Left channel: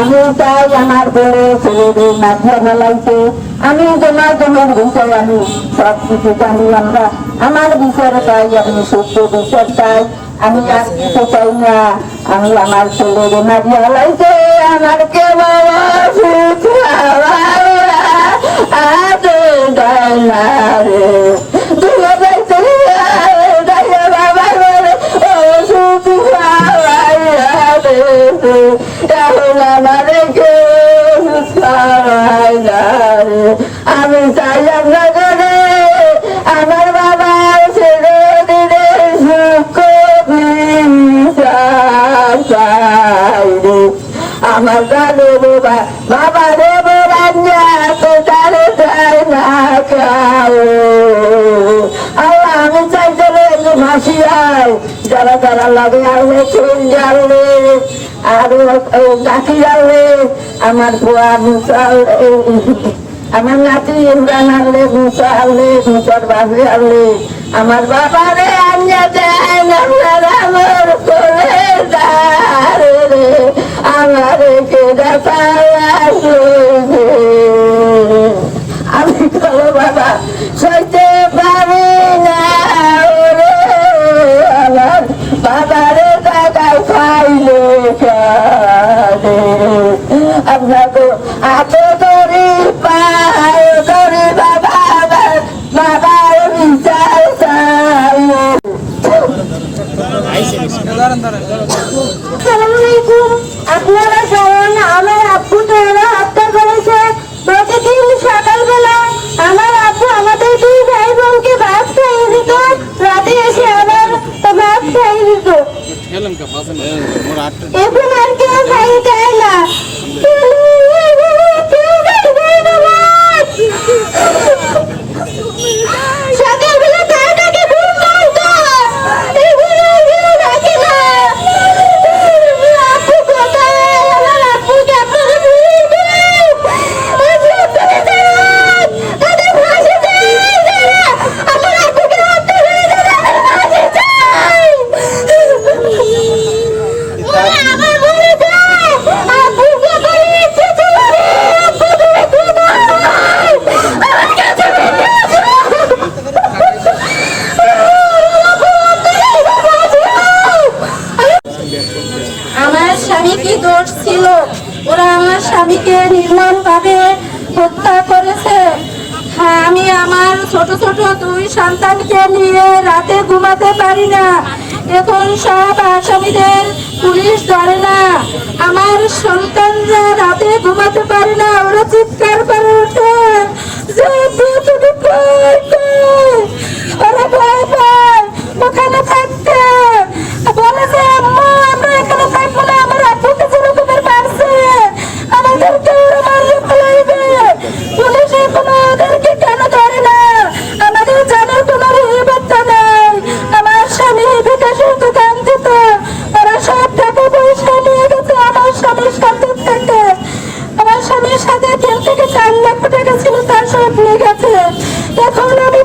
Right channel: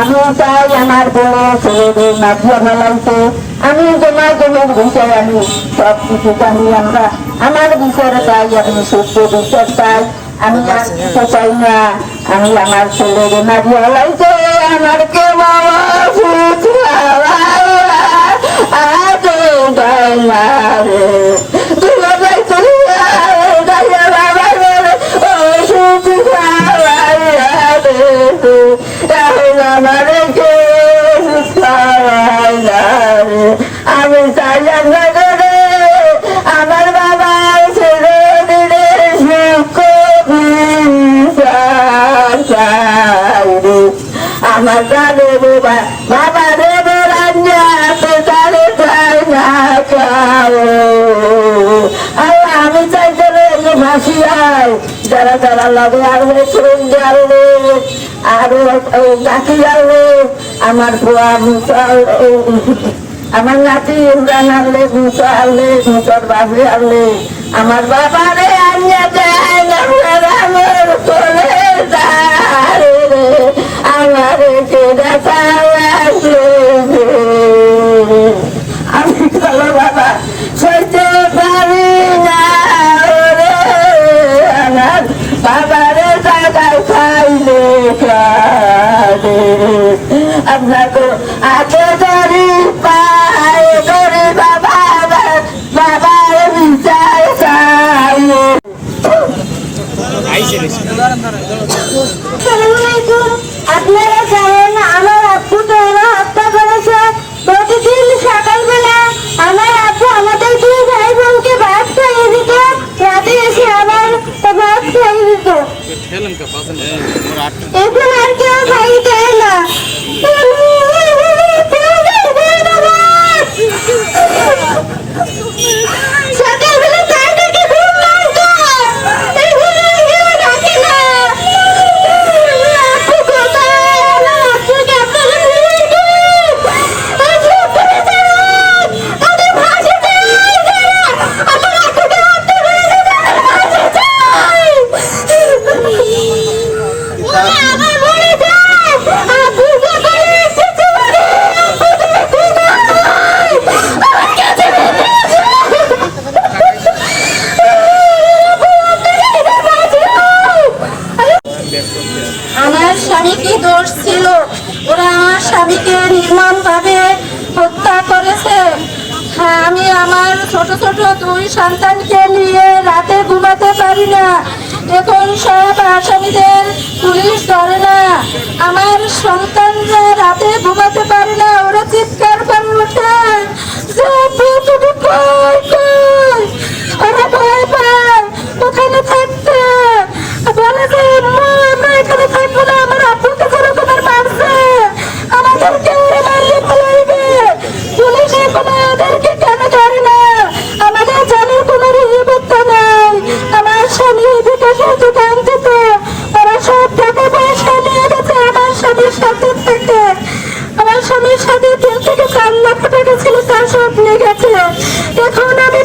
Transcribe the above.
আমি চাই আমার বড় ছেলেদের মাঝে ফেলাইতে আমি জমা জমির বিষয় আমি সব কিছু জানি আমরা। আমার বিষয় চাই, আমি সত্য বিচার চাই। আমি আর কিছু চাই না। আমি আমার ছেলের মাঝে ফেলাইতে আমার কে বাবা সুখ হারাইয়া আগে রে। এখন আমার কে আমি চাই আমরা করে আমার বাবা ছেড়ে দিলে আমার দাদু বাবা বাবা দেব রান্না তো তারে চাই না খাও আমি চাই চলে ফাঁসি আয় যারা যারা লাগে আসবে ফুল জ্বালবে আর নাতি যাবে আমার বুয়া মুসা আমার নাতি ইমরান আনলে মুসা আনলে মুসার বাবু আনলে আমার বাবা রে আনিয়া দেন, আমার করে রে। আমার কেডা আপনাকে পায়ে বাবা বিচার চাই। আপনারা জানেন আমার আব্বু তো এরা হত্যা করেছে। প্রতিদিন সকালবেলা আমার আব্বু আমাদের দুই ভাই বোনকে ভাত খাইয়ে দিত রাতে এসে আমার ভাত খাইয়ে দিত। ছিল। ওরা আমার স্বামীকে নির্মম ভাবে হত্যা করেছে। হ্যাঁ আমি আমার ছোট ছোট দুই সন্তানকে নিয়ে রাতে ঘুমাতে পারি না। এখন সব আসামিদের পুলিশ ধরে না। আমার সন্তানরা রাতে আমার স্বামীর সাথে তিন থেকে চার লক্ষ টাকা ছিল, তার সব নিয়ে গেছে। এখন আমি